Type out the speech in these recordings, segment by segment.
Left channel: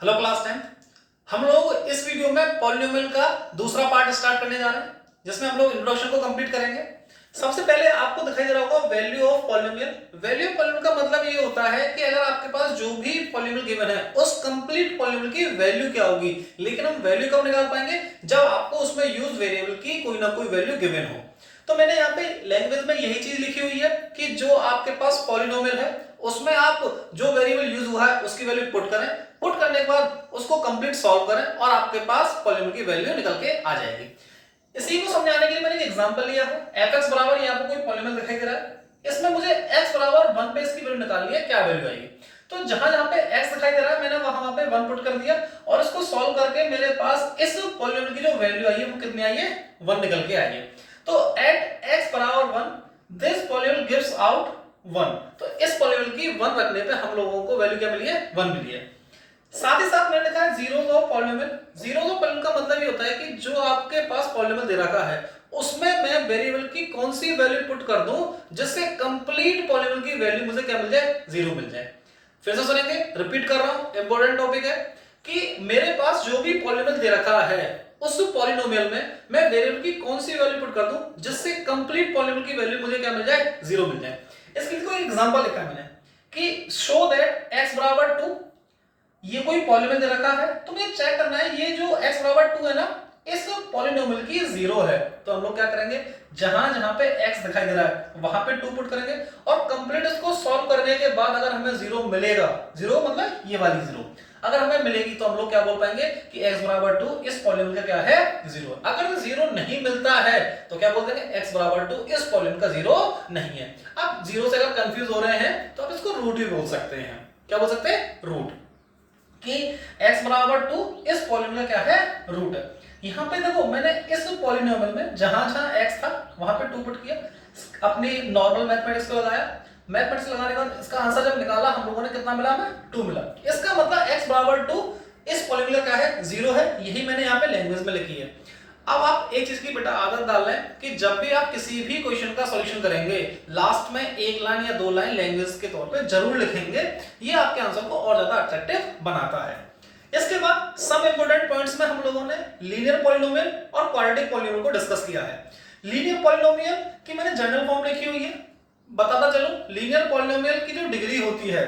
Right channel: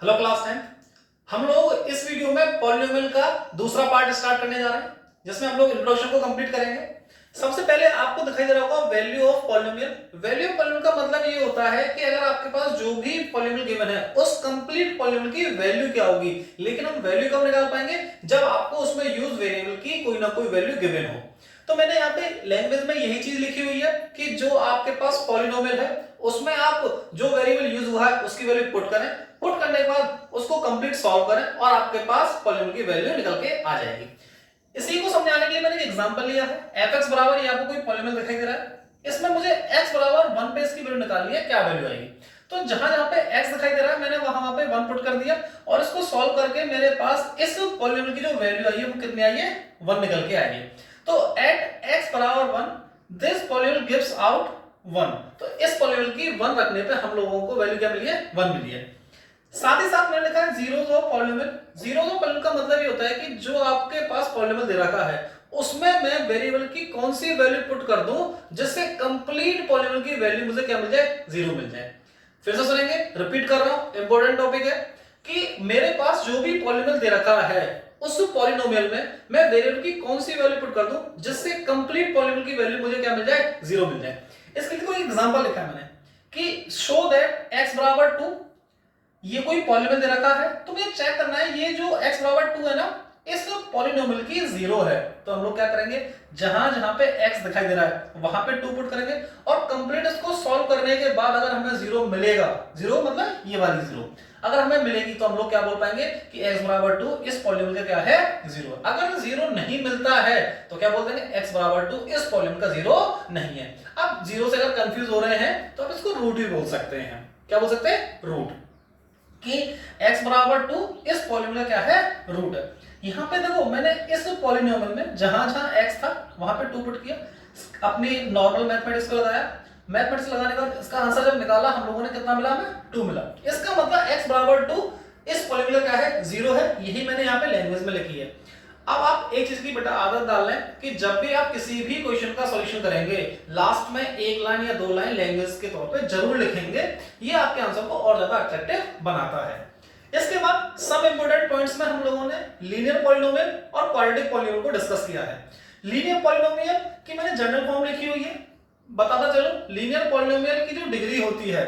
Hello class 10। हम लोग इस वीडियो में पॉलिनोमियल का दूसरा पार्ट स्टार्ट करने जा रहे हैं, जिसमें हम लोग इंट्रोडक्शन को कंप्लीट करेंगे। सबसे पहले आपको दिखाई दे रहा होगा value of polynomial. Value of polynomial का मतलब ये होता है कि अगर आपके पास जो भी पॉलिनोमियल गिवन है उस कंप्लीट पॉलिनोमियल की वैल्यू क्या होगी। लेकिन हम वैल्यू कब निकाल पाएंगे, जब आपको उसमें यूज वेरिएबल की कोई ना कोई वैल्यू गिवन हो। तो मैंने यहाँ पे लैंग्वेज में यही चीज लिखी हुई है कि जो आपके पास पॉलिनोमियल है उसमें आप जो वेरिएबल यूज हुआ है उसकी वैल्यू पुट करें। पुट करने के बाद उसको कंप्लीट सॉल्व करें और आपके पास पॉलिनोमियल की वैल्यू निकल के आ जाएगी। इसी को समझाने के लिए मैंने एक एग्जांपल लिया है। fx बराबर यहाँ पे कोई पॉलिनोमियल दिखाई दे रहा है, इसमें मुझे x बराबर 1 पे इसकी वैल्यू निकालनी है, क्या वैल्यू आएगी। तो जहां जहां पे x दिखाई दे रहा है मैंने वहां पे 1 पुट कर दिया और इसको सॉल्व करके मेरे पास इस पॉलिनोमियल की जो वैल्यू आई है वो कितनी आई है, 1 निकल के आई है। तो एट x बराबर 1 दिस पॉलिनोमियल गिव्स आउट 1। तो इस पॉलिनोमियल की 1 रखने पे हम लोगों को वैल्यू क्या मिली है, 1 मिली है। साथ ही साथ मैंने लिखा है zeros of polynomial. Zeros of polynomial का मतलब ये होता है कि जो आपके पास पॉलिनोमियल दे रखा है उसमें मैं वेरिएबल की कौन सी वैल्यू पुट कर दूं जिससे कंप्लीट पॉलिनोमियल की वैल्यू मुझे क्या मिल जाए, 0 मिल जाए। फिर से सुनेंगे, रिपीट कर रहा हूं, इंपॉर्टेंट टॉपिक है कि मेरे पास जो भी पॉलिनोमियल दे रखा है उस पॉलिनोमियल में मैं वेरिएबल की कौन सी वैल्यू पुट कर दूं जिससे कंप्लीट पॉलिनोमियल की वैल्यू मुझे क्या मिल जाए, 0 मिल जाए। इसके लिए कोई एग्जांपल लिखा मैंने कि शो दैट x बराबर 2, ये कोई पॉलिनोमियल दे रखा है तो मुझे चेक करना है ये जो x बराबर 2 है ना इस पॉलिनोमियल की 0 है। तो हम लोग क्या करेंगे, जहां जहां पे x दिखाई दे रहा है वहां पे 2 पुट करेंगे और कंप्लीट इसको सॉल्व करने के बाद अगर हमें 0 मिलेगा, 0 मतलब ये वाली 0 अगर हमें मिलेगी तो हम लोग क्या बोल पाएंगे कि x बराबर 2 इस पॉलिनोमियल का क्या है, 0। अगर 0 नहीं मिलता है तो क्या बोल देंगे x बराबर 2 इस पॉलिनोमियल का 0 नहीं है। अब 0 से अगर कंफ्यूज हो रहे हैं तो आप इसको रूट भी बोल सकते हैं। क्या बोल सकते हैं, रूट, कि x बराबर 2 इस पॉलिनोमियल क्या है, रूट। यहां पे देखो मैंने इस पॉलिनोमियल में जहां जहां x था वहां पे 2 पुट किया, अपनी नॉर्मल मैथमेटिक्स को लगाया। मैथमेटिक्स लगाने के बाद इसका आंसर जब निकाला हम लोगों ने कितना मिला, हमें 2 मिला। इसका मतलब x बराबर 2 इस पॉलिनोमियल क्या है, 0 है। यही मैंने यहां पे लैंग्वेज में लिखी है। अब आप एक चीज की बेटा आदत डाल लें कि जब भी आप किसी भी क्वेश्चन का सॉल्यूशन करेंगे लास्ट में एक लाइन या 2 लाइन लैंग्वेज के तौर पे जरूर लिखेंगे। ये आपके आंसर को और ज्यादा अट्रैक्टिव बनाता है। इसके बाद सम इंपोर्टेंट पॉइंट्स में हम लोगों ने लीनियर पॉलिनोमियल और क्वाड्रेटिक पॉलिनोमियल को डिस्कस किया है। लीनियर पॉलिनोमियल की मैंने जनरल फॉर्म लिखी हुई है, बताता चलो। लीनियर पॉलिनोमियल की जो डिग्री होती है,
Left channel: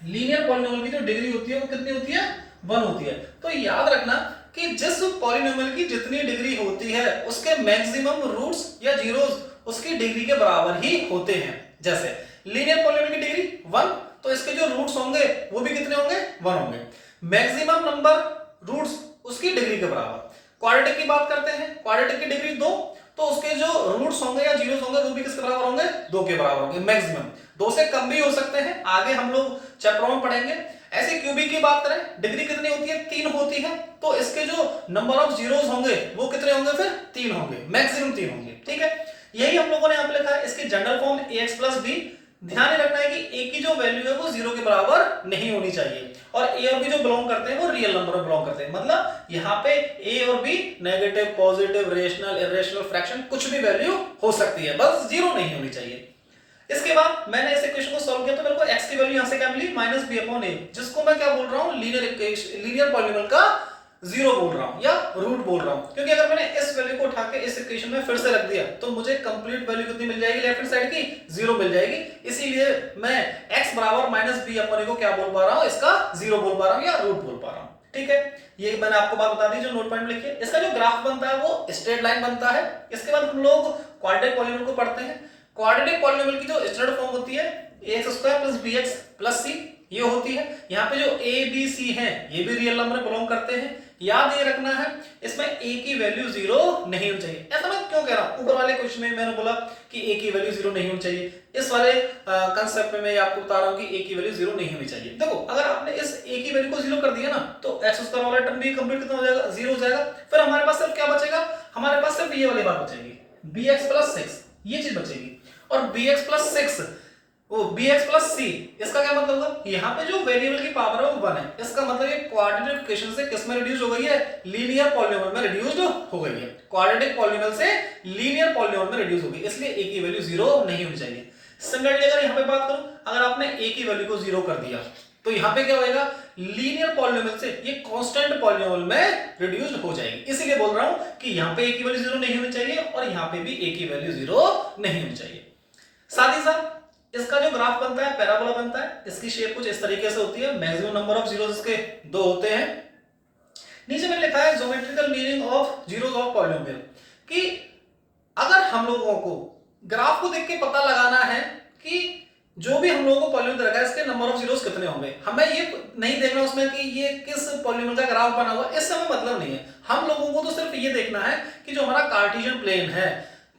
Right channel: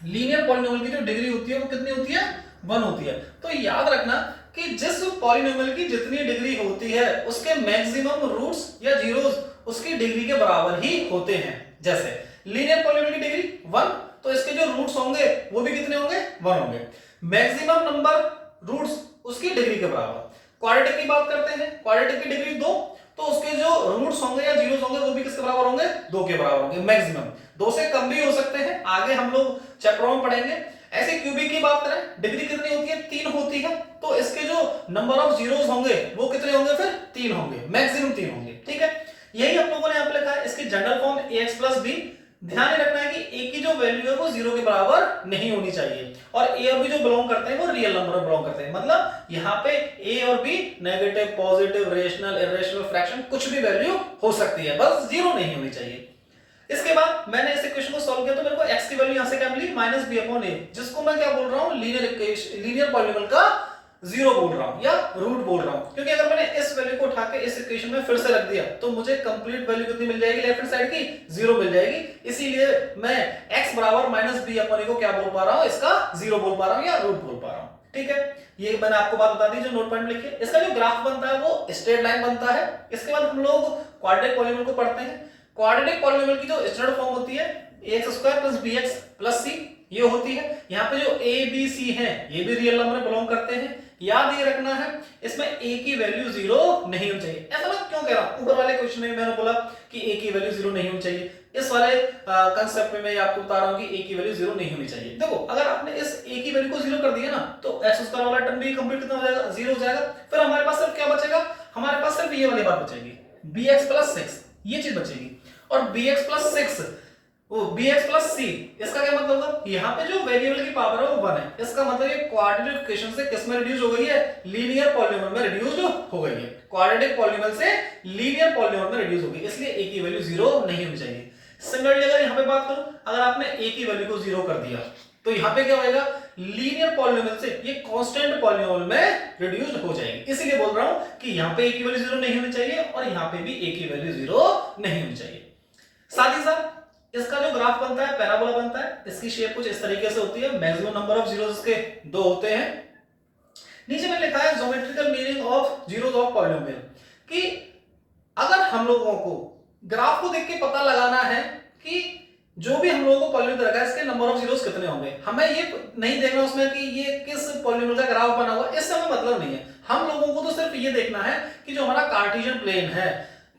लीनियर पॉलिनोमियल की जो डिग्री होती है वो कितनी होती है, 1 होती है। तो याद रखना कि जिस पॉलिनोमियल की जितनी डिग्री होती है उसके मैक्सिमम रूट्स या जीरोस उसकी डिग्री के बराबर ही होते हैं। जैसे लीनियर पॉलिनोमियल की डिग्री 1 तो इसके जो रूट्स होंगे वो भी कितने होंगे, 1 होंगे। मैक्सिमम नंबर रूट्स उसकी डिग्री के बराबर। क्वाड्रेटिक की बात करते हैं, क्वाड्रेटिक की डिग्री 2 तो उसके जो रूट्स होंगे या जीरोस होंगे वो भी किसके बराबर होंगे, 2 के बराबर होंगे। मैक्सिमम 2 से कम भी हो सकते हैं, आगे हम लोग चैप्टरों में पढ़ेंगे। ऐसे क्यूबिक की बात करें, डिग्री कितनी होती है, 3 होती है। तो इसके जो नंबर ऑफ जीरोस होंगे वो कितने होंगे, फिर 3 होंगे, मैक्सिमम 3 होंगे। ठीक है, यही हम लोगों ने यहाँ पे लिखा है। इसकी general form ax plus B. ध्यान रखना है कि a की जो वैल्यू है वो 0 के बराबर नहीं होनी चाहिए और a और b जो बिलोंग करते हैं वो रियल नंबर में बिलोंग करते हैं। मतलब यहाँ पे a और b negative, positive, rational, irrational, fraction कुछ भी वैल्यू हो सकती है, बस 0 नहीं होनी चाहिए। इसके बाद मैंने इस इक्वेशन को सॉल्व किया तो मेरे को x की वैल्यू यहां से क्या मिली, -b/a, जिसको मैं क्या बोल रहा हूं, लीनियर पॉलिनोमियल का 0 बोल रहा हूं या रूट बोल रहा हूं। क्योंकि अगर मैंने इस वैल्यू को उठा के इस इक्वेशन में फिर से रख दिया तो मुझे कंप्लीट वैल्यू कितनी मिल जाएगी, लेफ्ट हैंड साइड की 0 मिल जाएगी। इसीलिए मैं x बराबर -b/a को क्या बोल पा रहा हूं, इसका 0 बोल पा रहा हूं या रूट बोल पा रहा हूं। ठीक है, ये मैंने आपको बात बता दी जो नोट पॉइंट लिखिए। इसका जो ग्राफ बनता है वो स्ट्रेट लाइन बनता है। इसके बाद हम लोग क्वाड्रेटिक पॉलिनोमियल को पढ़ते हैं। क्वाड्रेटिक पॉलिनोमियल की जो स्टैंडर्ड फॉर्म होती है ax² + bx + c, ये होती है। यहाँ पे जो a b c है ये भी रियल नंबर में बिलोंग करते हैं। याद ये रखना है इसमें a की वैल्यू 0 नहीं होनी चाहिए। ऐसा मैं क्यों कह रहा हूं, ऊपर वाले क्वेश्चन में मैंने बोला कि a की वैल्यू 0 नहीं होनी चाहिए, इस वाले कांसेप्ट में मैं आपको बता रहा हूं कि a की वैल्यू 0 नहीं होनी चाहिए। देखो अगर आपने इस a की वैल्यू को 0 कर दिया ना तो x² वाला टर्म भी कंप्लीट कितना हो जाएगा, 0 हो जाएगा। फिर हमारे पास सिर्फ क्या बचेगा, हमारे पास सिर्फ ये वाली बात बचेगी, bx + 6, ये चीज बचेगी। और bx + 6 वो bx + c, इसका क्या मतलब होगा, यहाँ पे जो वेरिएबल की पावर है वो 1 है। इसका मतलब ये क्वाड्रेटिक इक्वेशन से किस में रिड्यूस हो गई है, लीनियर पॉलिनोमियल में रिड्यूस्ड हो गई है। क्वाड्रेटिक पॉलिनोमियल से लीनियर पॉलिनोमियल में रिड्यूस हो गई, इसलिए a की वैल्यू 0 नहीं होनी चाहिए। सिमिलरली अगर यहाँ पे बात करूं, अगर आपने a की वैल्यू को 0 कर दिया तो यहाँ पे क्या होगा, लीनियर पॉलिनोमियल से ये कांस्टेंट पॉलिनोमियल में रिड्यूस्ड हो जाएगी। इसीलिए बोल रहा हूं कि यहाँ पे a की वैल्यू 0 नहीं होनी चाहिए और यहाँ पे भी a की वैल्यू 0 नहीं होनी चाहिए। साथ ही साथ इसका जो ग्राफ बनता है, पैराबोला बनता है, इसकी शेप कुछ इस तरीके से होती है। मैक्सिमम नंबर ऑफ जीरोस इसके 2 होते हैं। नीचे में लिखा है geometrical meaning of zeros of polynomial, कि अगर हम लोगों को ग्राफ को देख के पता लगाना है कि जो भी हम लोगों को पॉलिनोमियल रखा है इसके नंबर ऑफ जीरोस कितने होंगे, हमें ये नहीं देखना उसमें कि ये किस पॉलिनोमियल का ग्राफ बना हुआ, इससे हमें मतलब नहीं है। हम लोगों को तो सिर्फ ये देखना है कि जो हमारा कार्टेशियन प्लेन है,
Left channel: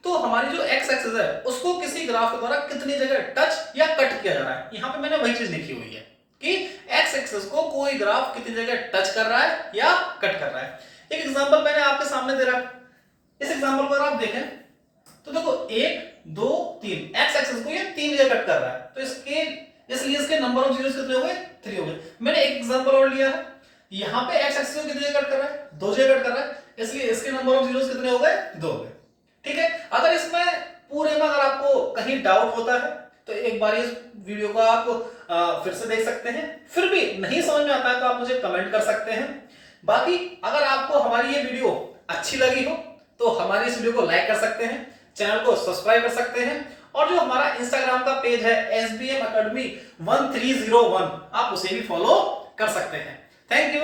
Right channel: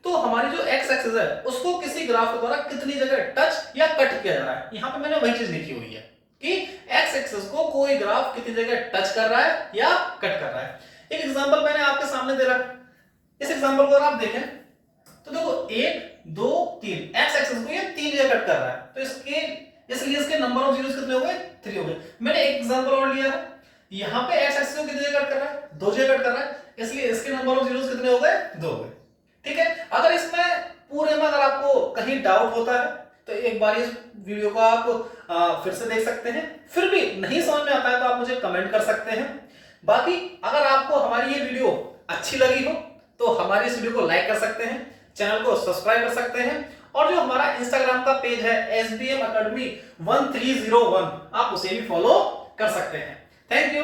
तो हमारी जो एक्स एक्सिस है उसको किसी ग्राफ के द्वारा कितनी जगह टच या कट किया जा रहा है। यहां पे मैंने वही चीज लिखी हुई है कि एक्स एक्सिस को कोई ग्राफ कितनी जगह टच कर रहा है या कट कर रहा है। एक एग्जांपल मैंने आपके सामने दे रखा है, इस एग्जांपल को अगर आप देखें तो देखो 1 2 3 एक्स एक्सिस को ये 3 जगह कट कर रहा है, तो इसलिए इसके नंबर ऑफ जीरोस कितने हो गए, 3 हो गए। मैंने एक एग्जांपल और लिया है, यहां पे एक्स एक्सिस को कितनी जगह कट कर रहा है, 2 जगह कट कर रहा है, इसलिए इसके नंबर ऑफ जीरोस कितने हो गए, 2 हो गए। ठीक है, अगर इसमें पूरे में अगर आपको कहीं डाउट होता है तो एक बार इस वीडियो को आप फिर से देख सकते हैं, फिर भी नहीं समझ में आता है तो आप मुझे कमेंट कर सकते हैं। बाकी अगर आपको हमारी ये वीडियो अच्छी लगी हो तो हमारी इस वीडियो को लाइक कर सकते हैं, चैनल को सब्सक्राइब कर सकते हैं, और जो हमारा इंस्टाग्राम का पेज है SBM Academy 1301 आप उसे भी फॉलो कर सकते हैं। Thank you.